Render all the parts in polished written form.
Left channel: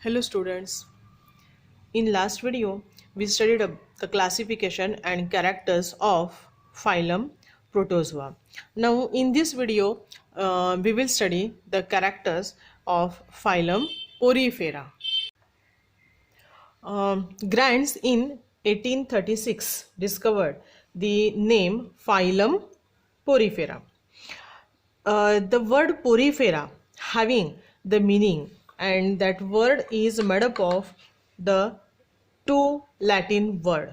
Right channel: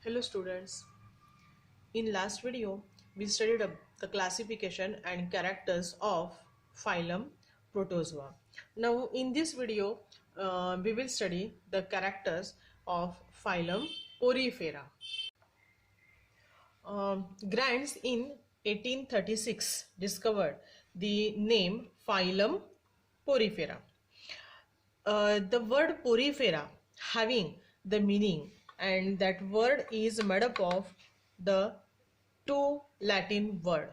Hello students. In last video we studied the classification and characters of phylum Protozoa. Now in this video we will study the characters of phylum Porifera. Grants in 1836 discovered the name phylum Porifera. The word porifera having the meaning, and that word is made up of the two Latin word.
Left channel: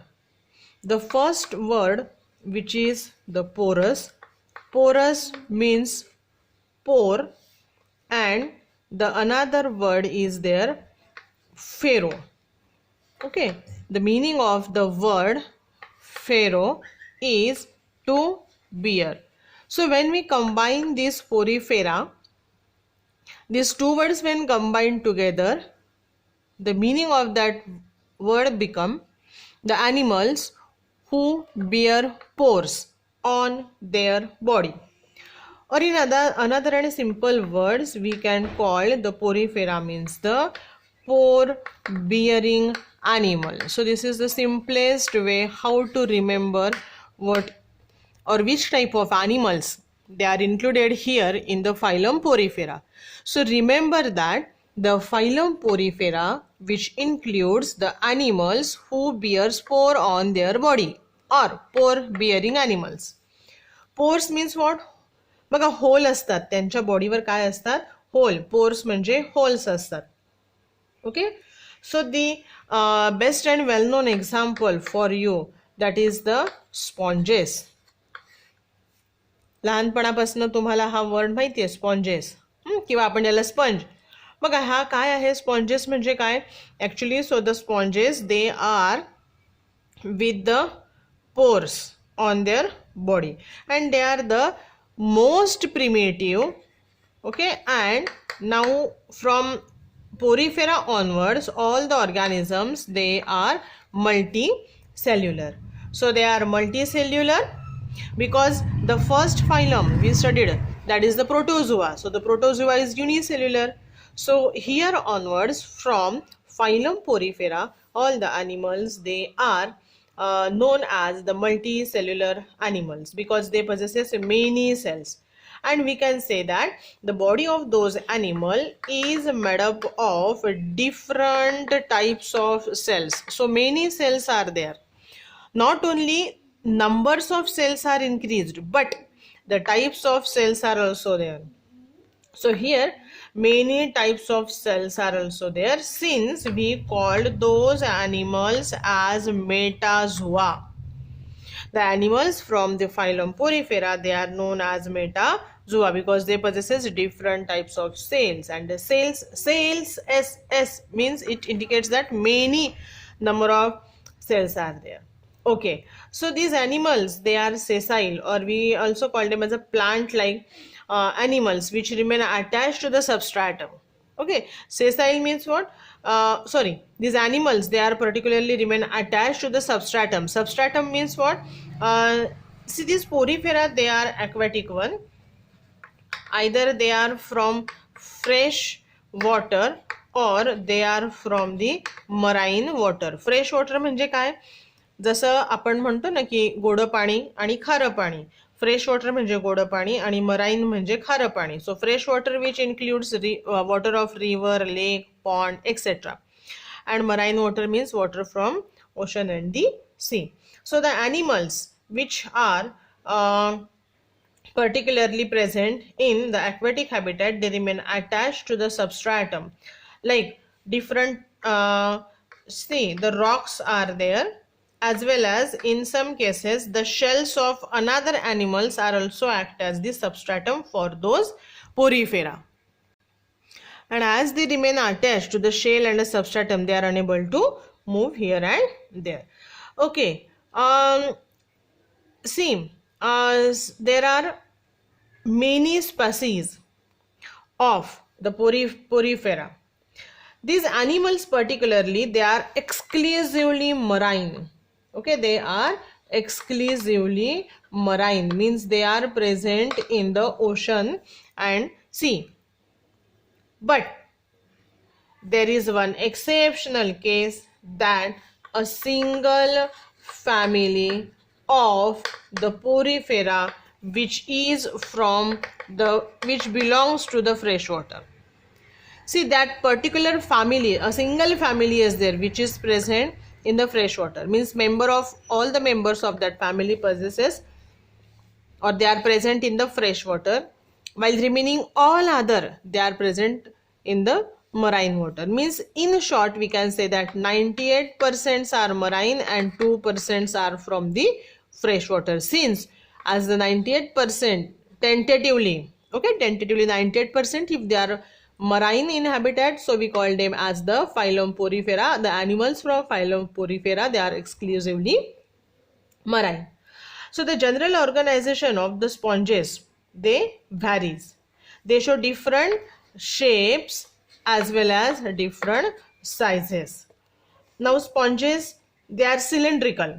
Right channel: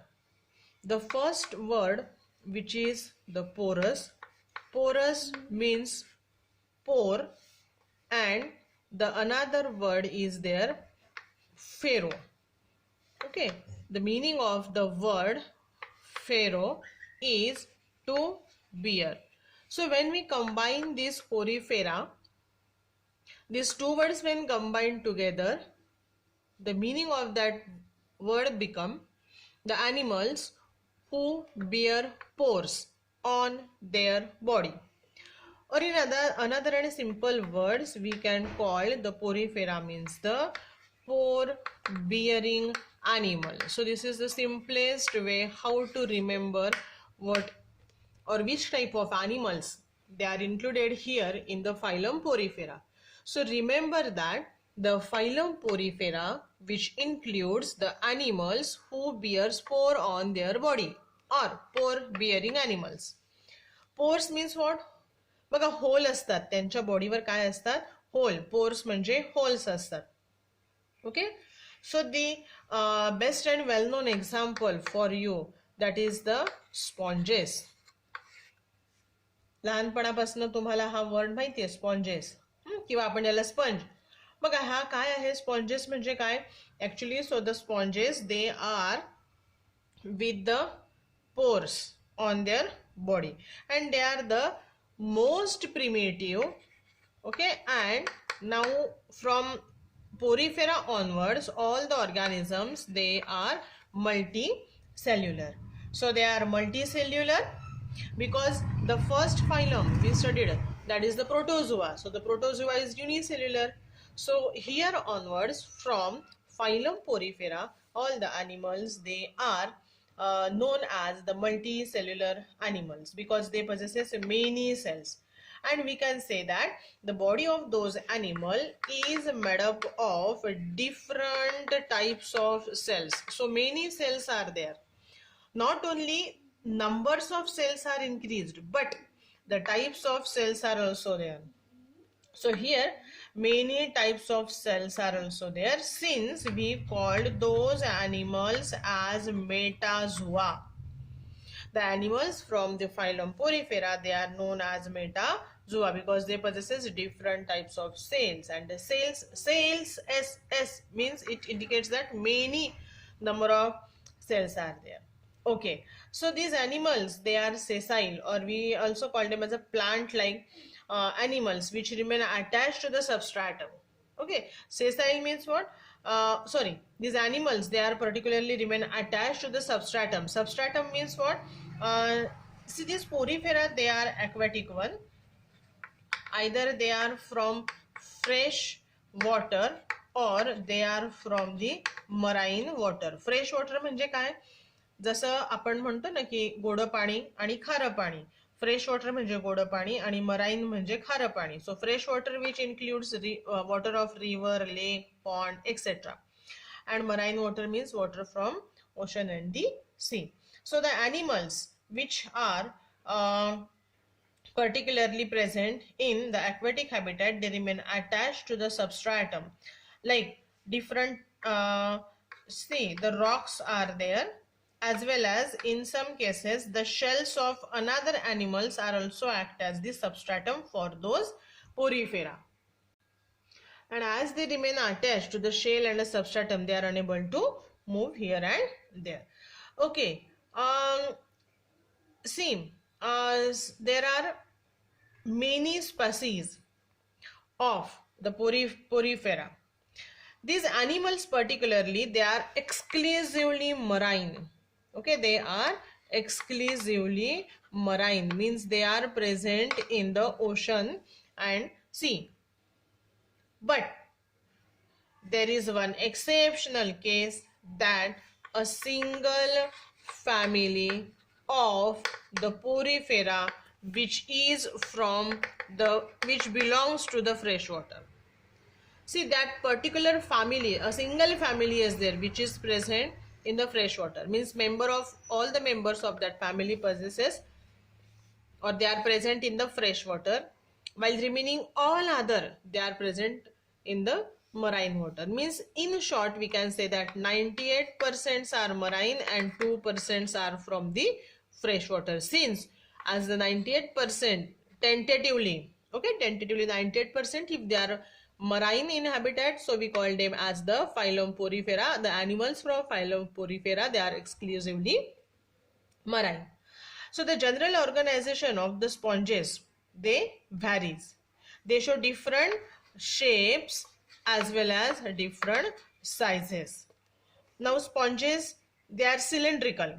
The first word, which is the porous. Porous means pore, and the another word is there pharaoh. Okay, the meaning of the word pharaoh is to bear. So when we combine this porifera, these two words when combined together, the meaning of that word become the animals who bear pores on their body. Or in another and simple words, we can call the porifera means the pore bearing animal. So this is the simplest way how to remember what or which type of animals they are included here in the phylum Porifera. So remember that the phylum Porifera, which includes the animals who bear spore on their body or pore bearing animals. Pores means what? बघा whole असतात त्यांच्या बॉडीवर काय असतात whole pores म्हणजे holes असतात okay so the best and well known example for you that is the sponges लहानपणापासून तुम्हाला हा वर्ड माहिती आहे स्पॉन्जेस किंवा आपण याला स्पंज बघा हा काय आहे स्पॉन्जेस म्हणजे काय actually so the sponges they are with the pores on their body and they are the most primitive, okay, and now from porifera onwards all the organisms they are multicellular. So they are multicellular because the first phylum we studied, that is the protozoa. So the protozoa is unicellular. So here onwards from phylum porifera all the animals they are known as the multicellular animals because they possess many cells, and we can say that the body of those animal is made up of different types of cells. So many cells are there. Not only numbers of cells are increased, but the types of cells are also there. So here many types of cells are also there since we called those animals as metazoa. The animals from the phylum Porifera, they are known as metazoa because they possess different types of cells, and the cells S means it indicates that many number of cells are there. Okay, so these animals they are sessile, or we also call them as a plant like animals which remain attached to the substratum. Okay, sessile means what? These animals they are particularly remain attached to the substratum. Substratum means what? See, these porifera they are aquatic one. Either they are from fresh water or they are from the marine water. Fresh water म्हणजे काय? जसं आपण म्हणतो ना की गोड पाणी आणि खारं पाणी. फ्रेश वॉटर म्हणजे गोड पाणी आणि मराईन म्हणजे खारं पाणी. So fresh water which includes water of river lake pond etcetera and marine water means water from ocean and the sea. So the animals which are particularly present in the aquatic habitat they remain attached to the substratum like different see the rocks are there, as well as in some cases the shells of another animals are also act as the substratum for those porifera. And as they remain attached to the shell and the substratum, they are unable to move here and there. Okay, see, there are many species of the porifera. These animals particularly, they are exclusively marine. Okay, they are exclusively marine, means they are present in the ocean and sea. But there is one exceptional case, that a single family of the porifera which belongs to the freshwater. See, that particular family, a single family is there which is present in the freshwater, means all the members of that family possesses, or they are present in the freshwater, while remaining all other they are present in the marine water. Means in short we can say that 98% are marine and 2% are from the freshwater. Since as the 98% tentatively 98%, if they are marine in habitat, so we call them as the phylum porifera. The animals from phylum porifera, they are exclusively marine. So the general organization of the sponges, they varies. They show different shapes as well as different sizes. Now sponges, they are cylindrical.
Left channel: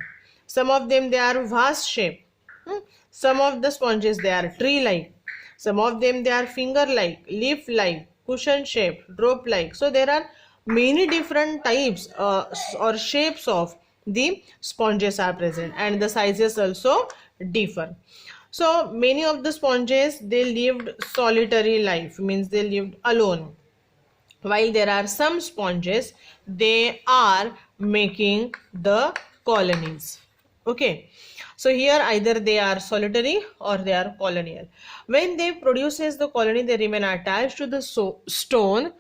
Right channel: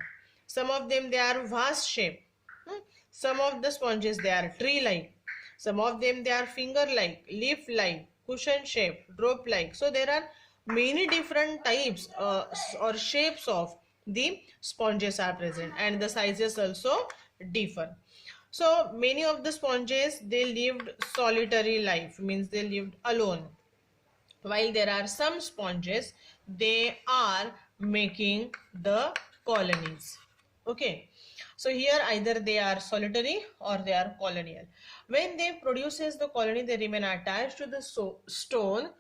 Some of them, they are vast shape. Some of the sponges, they are tree-like. Some of them, they are finger-like, leaf-like, cushion-shaped, drop-like. So there are many different types or shapes of the sponges are present, and the sizes also differ. So many of the sponges, they lived solitary life, means they lived alone, while there are some sponges, they are making the colonies. Okay, so here either they are solitary or they are colonial. When they produces the colony, they remain attached to the stone,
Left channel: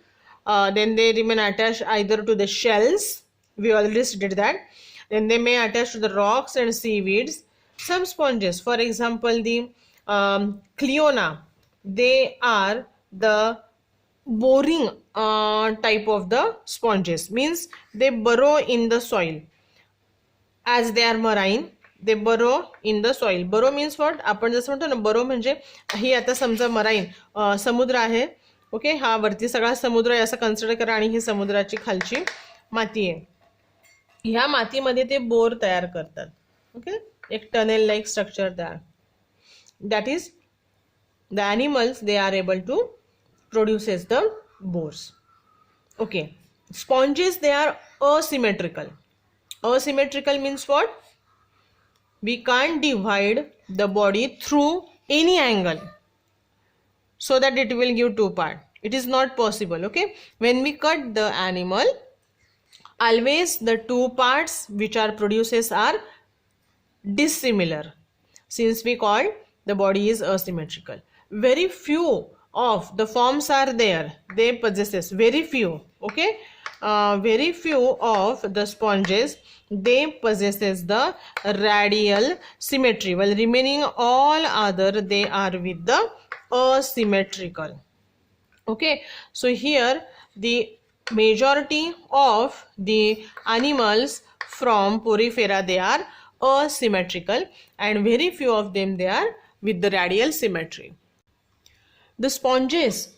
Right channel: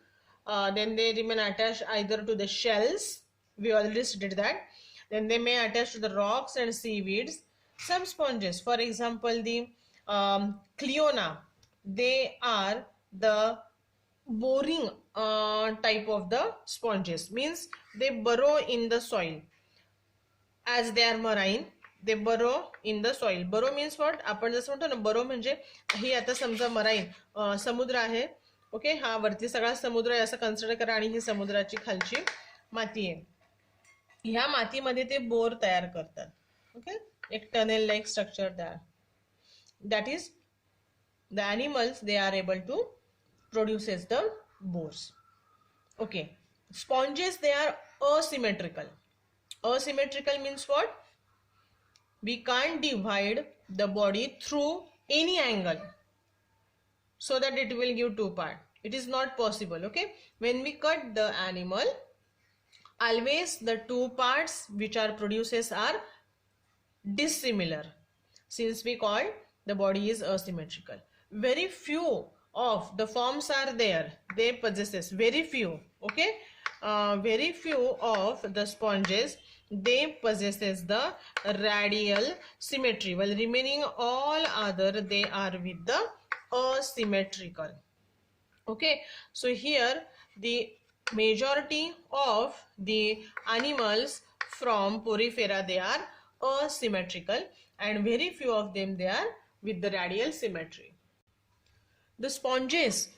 then they remain attached either to the shells, we already did that, then they may attach to the rocks and seaweeds. Some sponges, for example the Cleona, they are the boring type of the sponges, means they burrow in the soil. As they are marine, they burrow in the soil. Burrow means what? आपण जसं म्हणतो ना, burrow म्हणजे ही आता समजा marine समुद्र आहे, okay, हा वरती सगळा समुद्र आहे असं कन्सिडर करा, आणि ही समुद्राची खालची माती आहे. ह्या मातीमध्ये ते बोर तयार करतात. ओके, एक टनेल लाईक स्ट्रक्चर तयार. That is the animals, they are able to produces the bores. Okay, sponges, they are asymmetrical. Asymmetrical means what? We can't divide the body through any angle so that it will give two parts. It is not possible. Okay, when we cut the animal, always the two parts which are produces are dissimilar, since we call the body is asymmetrical. Very few of the forms are there, they possesses very few. Okay, very few of the sponges, they possesses the radial symmetry, while remaining all other they are with the asymmetrical. Okay, so here the majority of the animals from porifera, they are asymmetrical, and very few of them, they are with the radial symmetry. The sponges,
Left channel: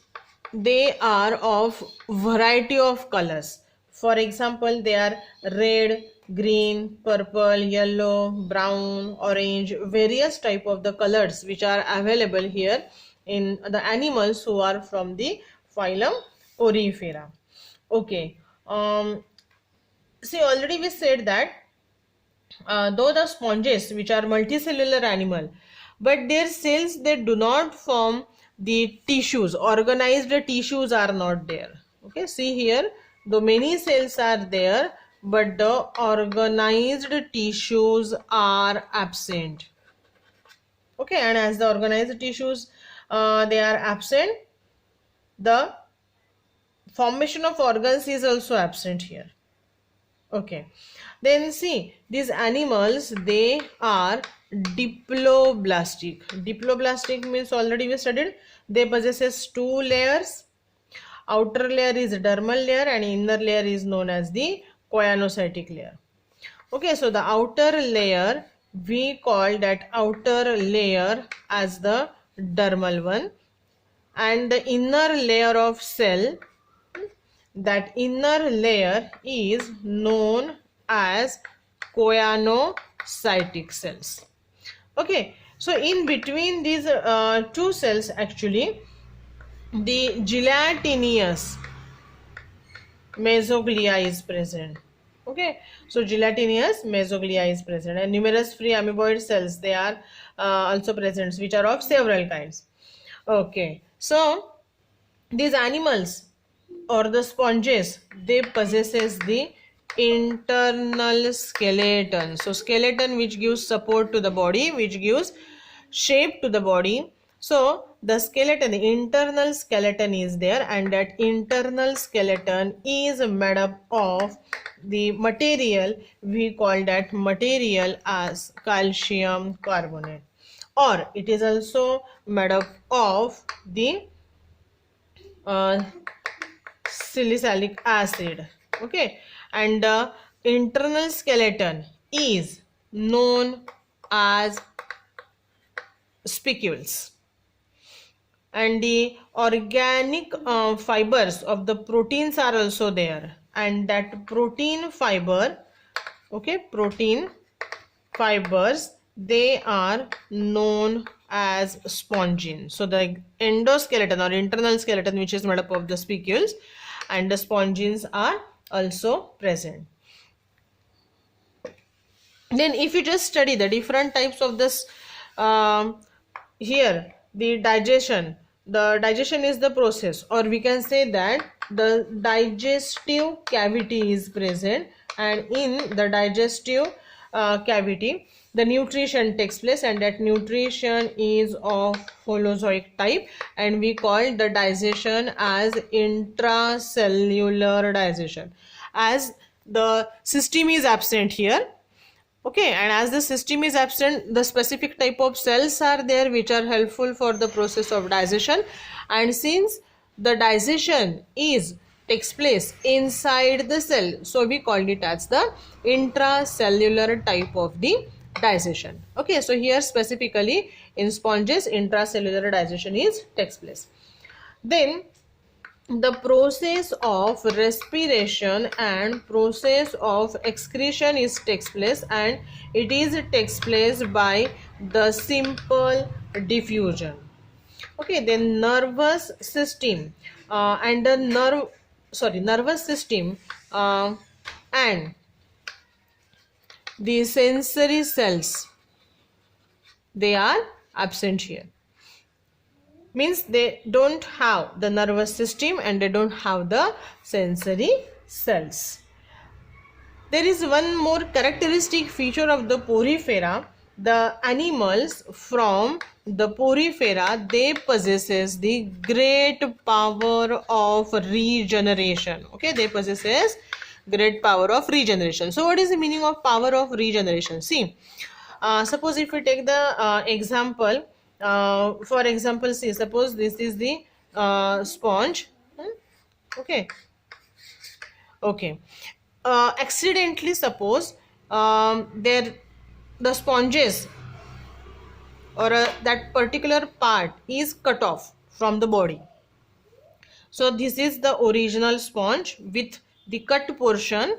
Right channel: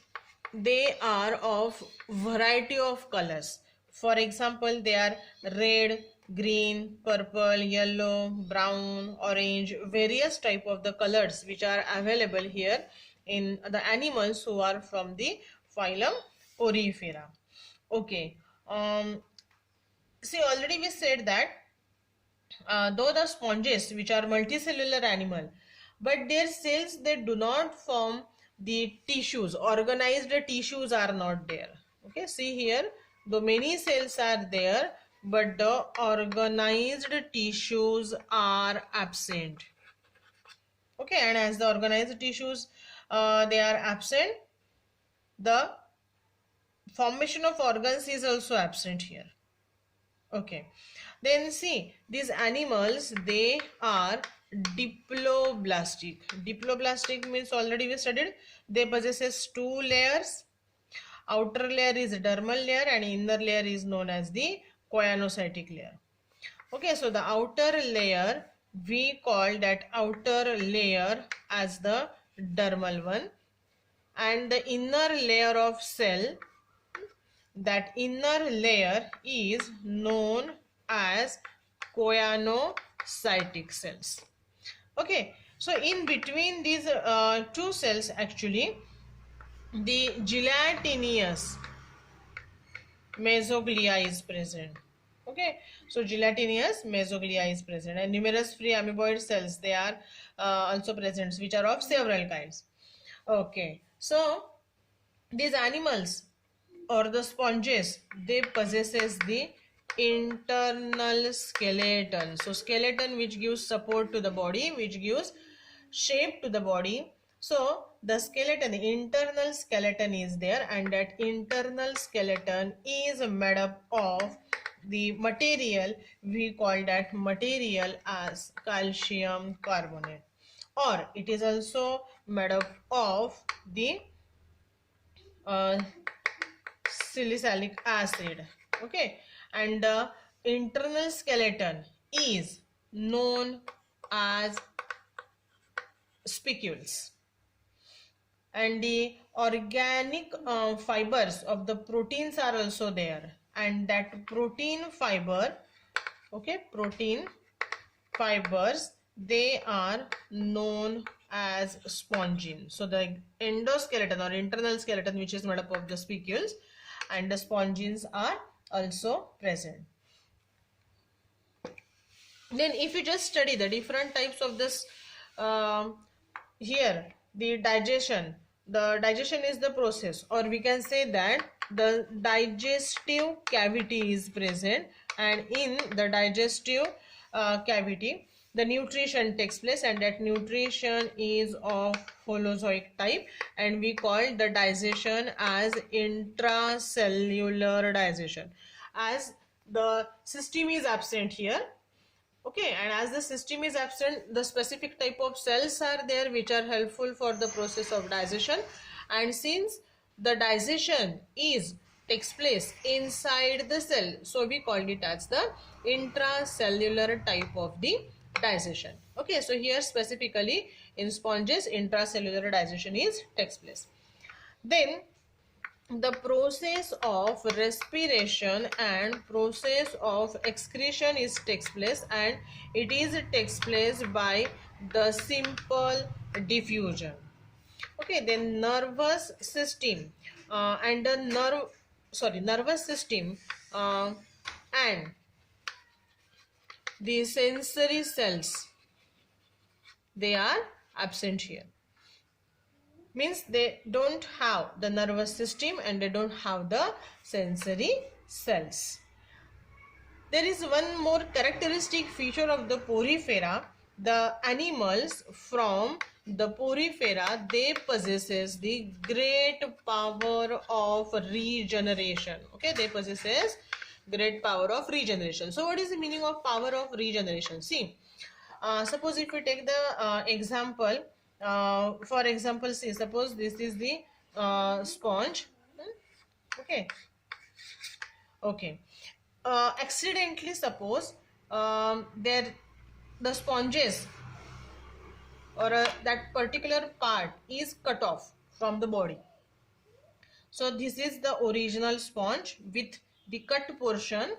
they are of variety of colors. For example, they are red, green, purple, yellow, brown, orange, various type of the colors which are available here in the animals who are from the phylum porifera. Okay, see, already we said that though the sponges which are multicellular animal, but their cells, they do not form the tissues. Organized tissues are not there. Okay, see here, though many cells are there, but the organized tissues are absent. Okay, and as the organized tissues they are absent, the formation of organs is also absent here. Okay, then see, these animals, they are diploblastic. Diploblastic means already we studied, they possesses two layers. Outer layer is dermal layer and inner layer is known as the choanocytic layer. Okay, so the outer layer, we call that outer layer as the dermal one, and the inner layer of cell, that inner layer is known as choanocytic cells. Okay, so in between these two cells, actually the gelatinous mesoglea is present. Okay, so gelatinous mesoglea is present, and numerous free amoeboid cells, they are also present, which are of several kinds. Okay, so these animals or the sponges, they possesses the internal skeleton. So skeleton which gives support to the body, which gives shape to the body. So the skeleton, the internal skeleton is there, and that internal skeleton is made up of the material, we call that material as calcium carbonate, or it is also made up of the uh, salicylic acid. Okay, and the internal skeleton is known as spicules, and the organic fibers of the proteins are also there, and that protein fiber, okay, protein fibers, they are known as spongin. So the endoskeleton or internal skeleton, which is made up of the spicules, and the spongins are also present. Then if you just study the different types of this, here the digestion is the process, or we can say that the digestive cavity is present, and in the digestive cavity the nutrition takes place, and that nutrition is of holozoic type, and we call the digestion as intracellular digestion, as the system is absent here. Okay, and as the system is absent, the specific type of cells are there which are helpful for the process of digestion, and since the digestion takes place inside the cell, so we call it as the intracellular type of the digestion. Okay, so here specifically in sponges, intracellular digestion takes place. Then the process of respiration and process of excretion takes place, and it takes place by the simple diffusion. Okay, then nervous system and the nervous system and the sensory cells, they are absent here. Means they don't have the nervous system and they don't have the sensory cells. There is one more characteristic feature of the porifera. The animals from the porifera, they possesses the great power of regeneration. Okay, they possesses great power of regeneration. So what is the meaning of power of regeneration? See, suppose if we take the example, for example, see, suppose this is the sponge. Okay, accidentally suppose the sponges or that particular part is cut off from the body. So this is the original sponge with the cut portion,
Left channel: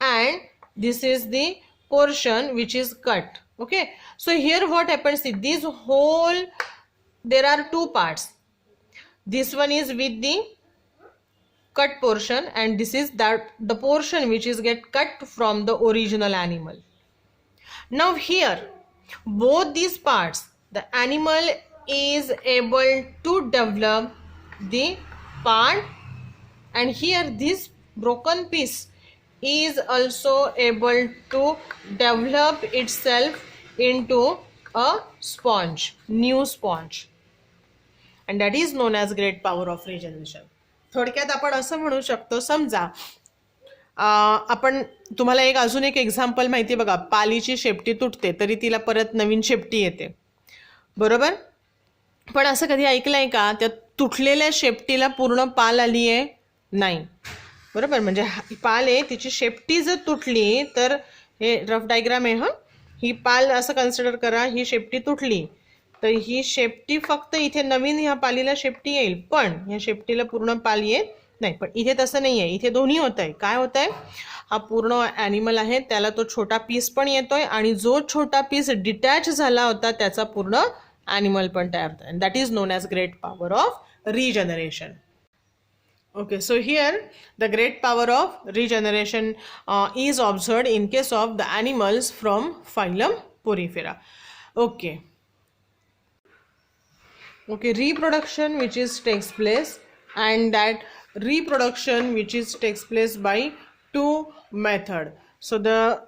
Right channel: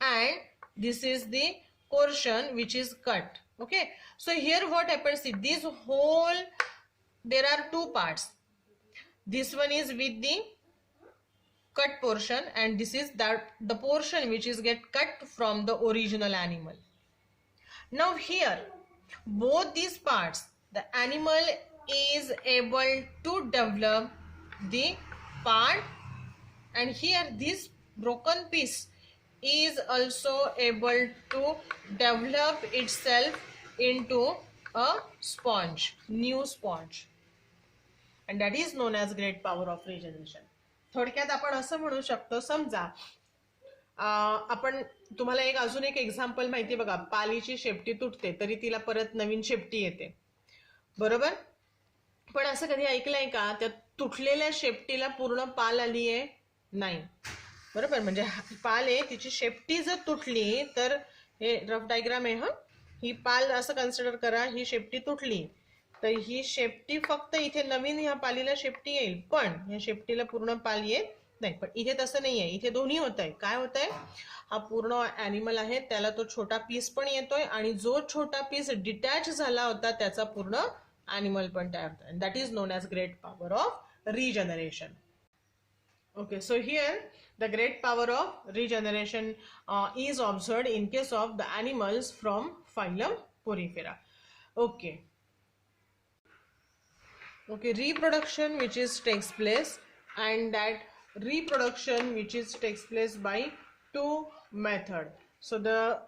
and this is the portion which is cut. Okay, so here what happens, see, this whole, there are two parts. This one is with the cut portion, and this is that the portion which is get cut from the original animal. Now here both these parts, the animal is able to develop the part, and here this broken piece is also able to develop itself into a sponge, new sponge, and that is known as great power of regeneration. थोडक्यात आपण असं म्हणू शकतो, समजा आपण, तुम्हाला एक अजून एक एक्झाम्पल माहिती बघा, पालीची शेपटी तुटते तरी तिला परत नवीन शेपटी येते, बरोबर? पण असं कधी ऐकलंय का त्या तुटलेल्या शेपटीला पूर्ण पाल आली आहे? नाही, बरोबर? म्हणजे पाल आहे, तिची शेपटी जर तुटली तर, हे रफ डायग्राम आहे, ही पाल असं कन्सिडर करा, ही शेपटी तुटली तर ही शेपटी फक्त इथे नवीन ह्या पालीला शेपटी येईल, पण ह्या शेपटीला पूर्ण पाल येत नाही. पण इथे तसं नाही आहे, इथे दोन्ही होत आहे. काय होत आहे, हा पूर्ण ॲनिमल आहे त्याला तो छोटा पीस पण येतोय, आणि जो छोटा पीस डिटॅच झाला होता त्याचा पूर्ण ॲनिमल पण तयार होतो. That is known as great power of regeneration. Okay, so here the great power of regeneration is observed in case of the animals from phylum porifera. Okay. Okay, reproduction which is takes place, and that reproduction which is takes place by two method. So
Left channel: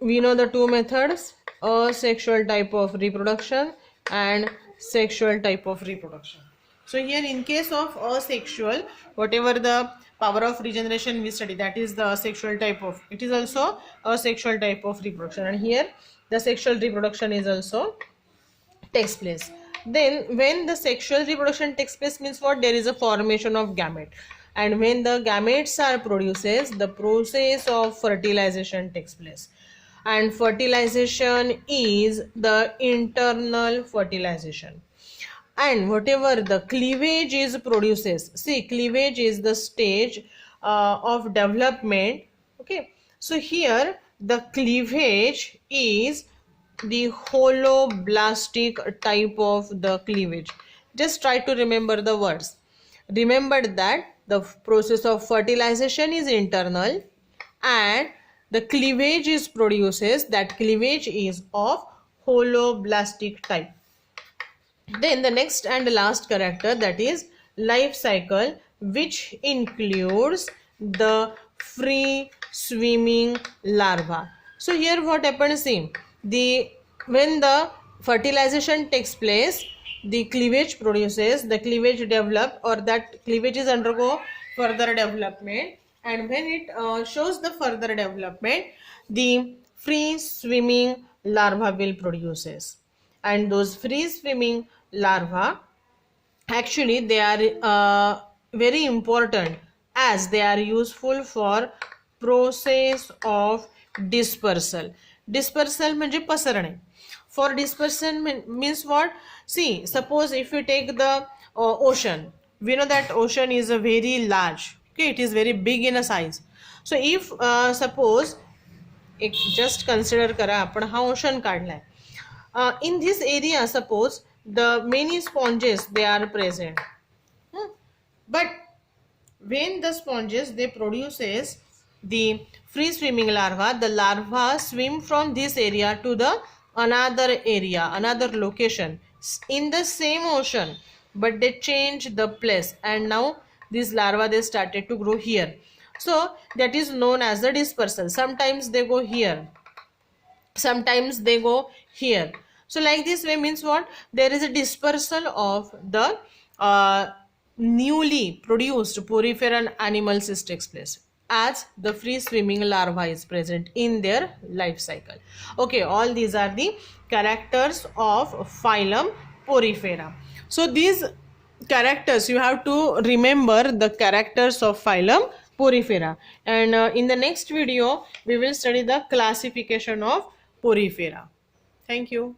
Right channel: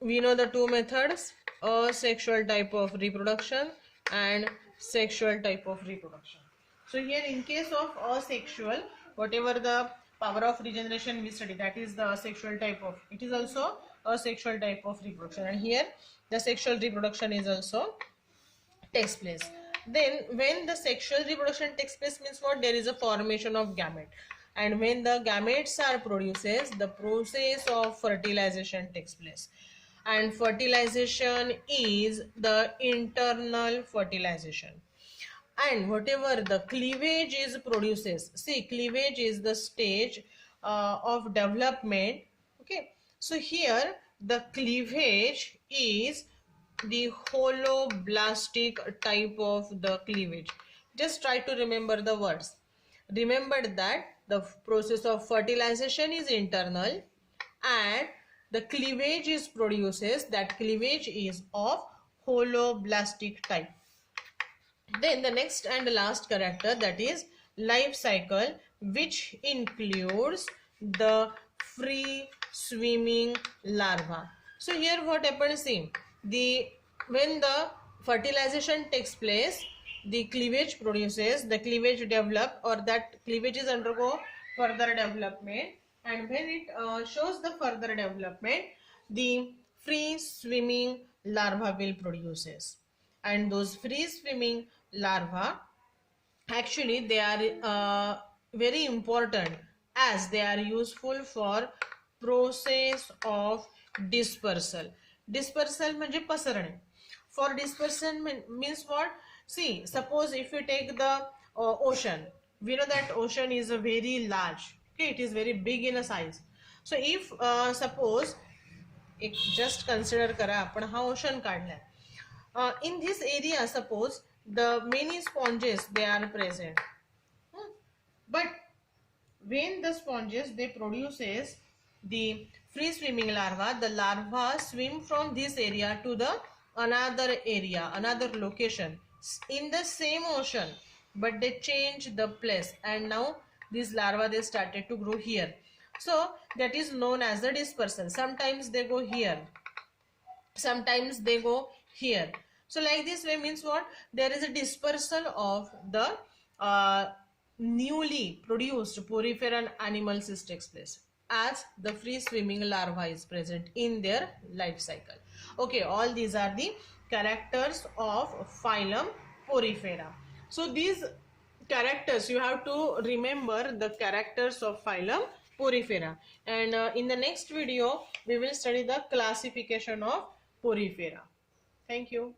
we know the two methods: asexual type of reproduction and sexual type of reproduction. So here in case of asexual, whatever the power of regeneration we study, that is the asexual type of, it is also a sexual type of reproduction, and here the sexual reproduction is also takes place. Then when the sexual reproduction takes place means what? There is a formation of gamete, and when the gametes are produces, the process of fertilization takes place, and fertilization is the internal fertilization. And whatever the cleavage is produces, see, cleavage is the stage of development. Okay, so here the cleavage is the holoblastic type of the cleavage. Just try to remember the words. Remember that the process of fertilization is internal, and the cleavage is produces, that cleavage is of holoblastic type. Then the next and last character, that is life cycle, which includes the free swimming larva. So here what happens, see, when the fertilization takes place, the cleavage produces, the cleavage develop, or that cleavage is undergo further development, and when it shows the further development, the free swimming larva will produces, and those free swimming larvae, actually they are very important, as they are useful for process of dispersal. Dispersal म्हणजे पसरणे. For dispersal means what? See, suppose if you take the ocean, we know that ocean is a very large, okay, it is very big in a size. So if suppose एक just consider करा, आपण हा ocean काढलाय. In this area, suppose the many sponges they are present, but when the sponges they produces the free swimming larva, the larva swim from this area to the another area, another location in the same ocean, but they change the place, and now these larvae they started to grow here. So that is known as the dispersal. Sometimes they go here, sometimes they go here. So like this way means what? There is a dispersal of the newly produced poriferan animals takes place, as the free swimming larva is present in their life cycle. Okay, all these are the characters of phylum porifera. So these characters, you have to remember the characters of phylum porifera, and in the next video we will study the classification of porifera. Thank you.